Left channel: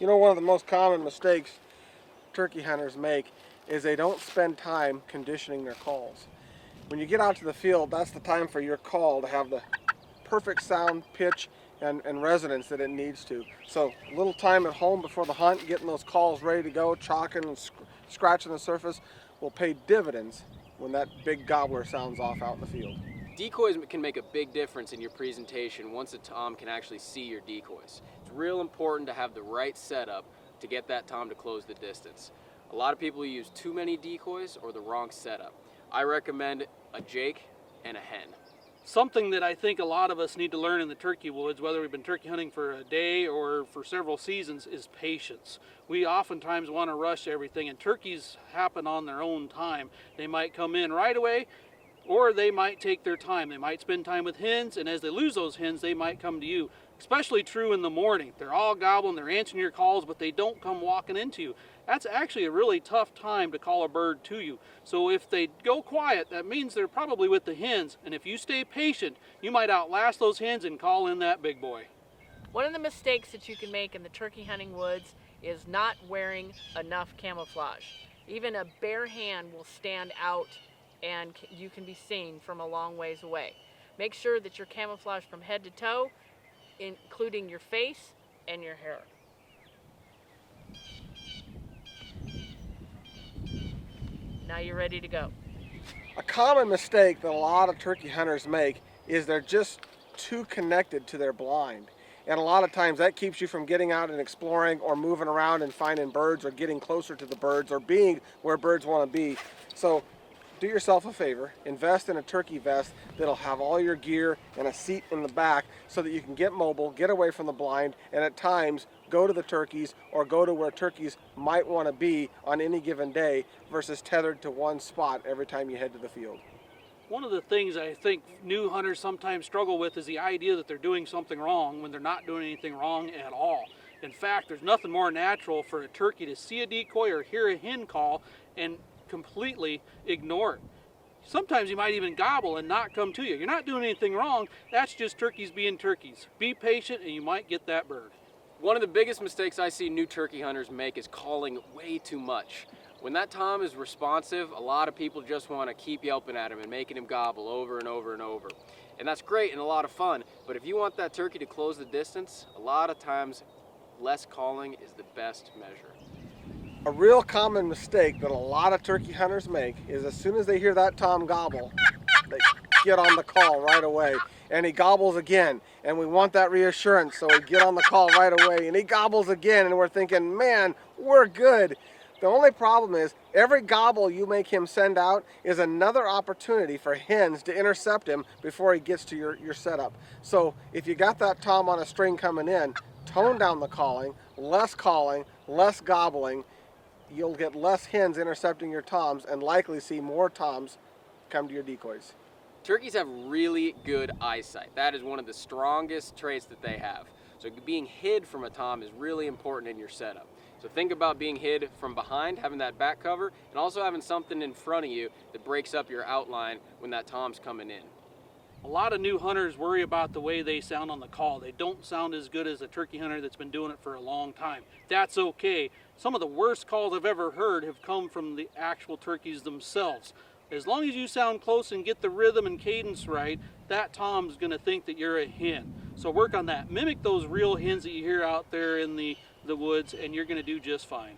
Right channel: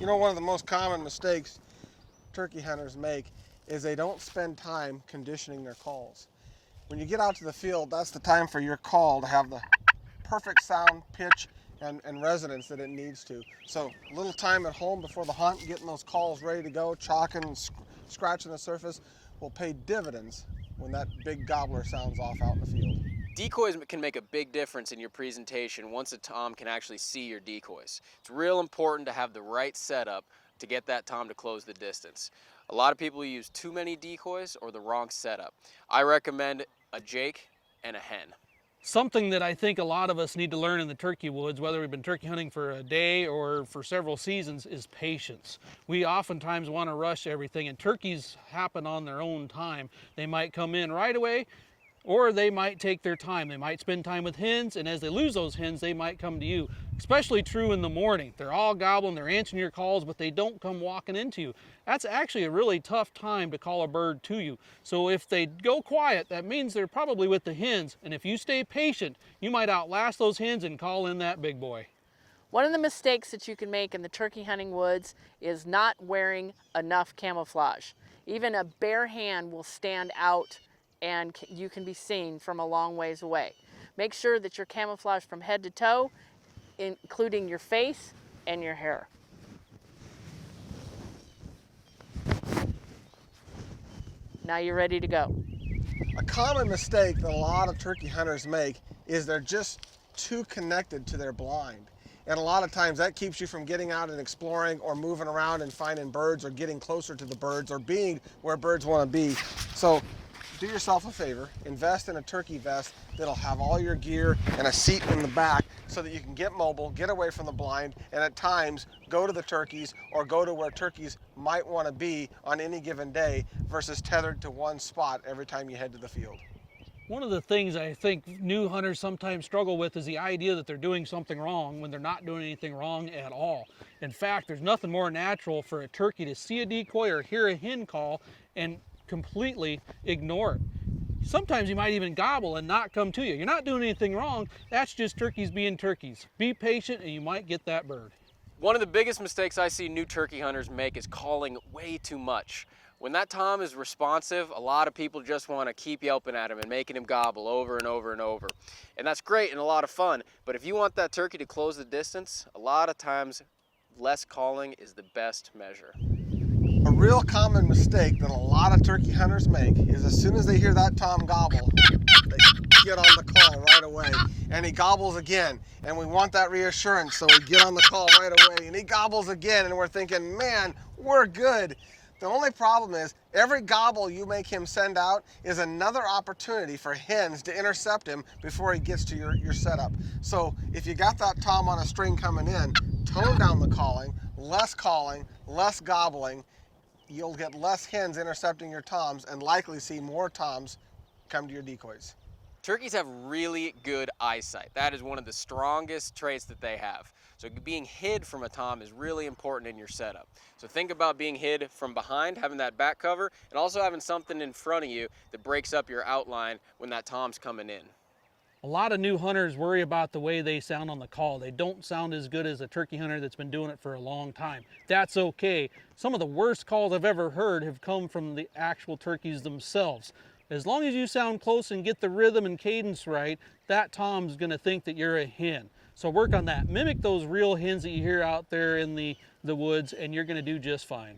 You know, one of the most common mistakes turkey hunters make is they don't spend time conditioning their calls. When you get out to the field, that's the time for your call to have the perfect sound, pitch, and resonance that it needs to. So a little time at home before the hunt, getting those calls ready to go, chalking and scratching the surface will pay dividends when that big gobbler sounds off out in the field. Decoys can make a big difference in your presentation once a tom can actually see your decoys. It's real important to have the right setup to get that tom to close the distance. A lot of people use too many decoys or the wrong setup. I recommend a Jake and a hen. Something that I think a lot of us need to learn in the turkey woods, whether we've been turkey hunting for a day or for several seasons, is patience. We oftentimes want to rush everything, and turkeys happen on their own time. They might come in right away, or they might take their time. They might spend time with hens, and as they lose those hens, they might come to you. Especially true in the morning. They're all gobbling, they're answering your calls, but they don't come walking into you. That's actually a really tough time to call a bird to you. So if they go quiet, that means they're probably with the hens. And if you stay patient, you might outlast those hens and call in that big boy. One of the mistakes that you can make in the turkey hunting woods is not wearing enough camouflage. Even a bare hand will stand out and you can be seen from a long ways away. Make sure that you're camouflaged from head to toe, including your face and your hair. Now you're ready to go. A common mistake that a lot of turkey hunters make is they're just too connected to their blind. And a lot of times that keeps you from getting out and exploring or moving around and finding birds or getting closer to the birds or being where birds want to be. So do yourself a favor, invest in a turkey vest that'll have all your gear and a seat in the back so that you can get mobile, get away from the blind, and at times go to the turkeys or go to where turkeys might want to be on any given day versus tethered to one spot every time you head to the field. One of the things I think new hunters sometimes struggle with is the idea that they're doing something wrong when they're not doing anything wrong at all. In fact, there's nothing more natural for a turkey to see a decoy or hear a hen call and completely ignore it. Sometimes you might even gobble and not come to you. You're not doing anything wrong. That's just turkeys being turkeys. Be patient and you might get that bird. One of the biggest mistakes I see new turkey hunters make is calling way too much. When that tom is responsive, a lot of people just want to keep yelping at him and making him gobble over and over and over. And that's great and a lot of fun, but if you want that turkey to close the distance, a lot of times less calling is the best measure. A real common mistake that a lot of turkey hunters make is as soon as they hear that tom gobble, they get on the call right away. And he gobbles again, and we want that reassurance, so we get on the call right away, and he gobbles again, and we're thinking, man, we're good. The only problem is every gobble you make him send out is another opportunity for hens to intercept him before he gets to your setup. So if you got that tom on a string coming in, tone down the calling, less gobbling. You'll get less hens intercepting your toms and likely see more toms come to your decoys. Turkeys have really good eyesight. That is one of the strongest traits that they have. So being hid from a tom is really important in your setup. So think about being hid from behind, having that back cover, and also having something in front of you that breaks up your outline when that tom's coming in. A lot of new hunters worry about the way they sound on the call. They don't sound as good as a turkey hunter that's been doing it for a long time. That's okay. Some of the worst calls I've ever heard have come from the actual turkeys themselves. As long as you sound close and get the rhythm and cadence right, that tom's going to think that you're a hen. So work on that. Mimic those real hens that you hear out there in the woods, and you're going to do just fine.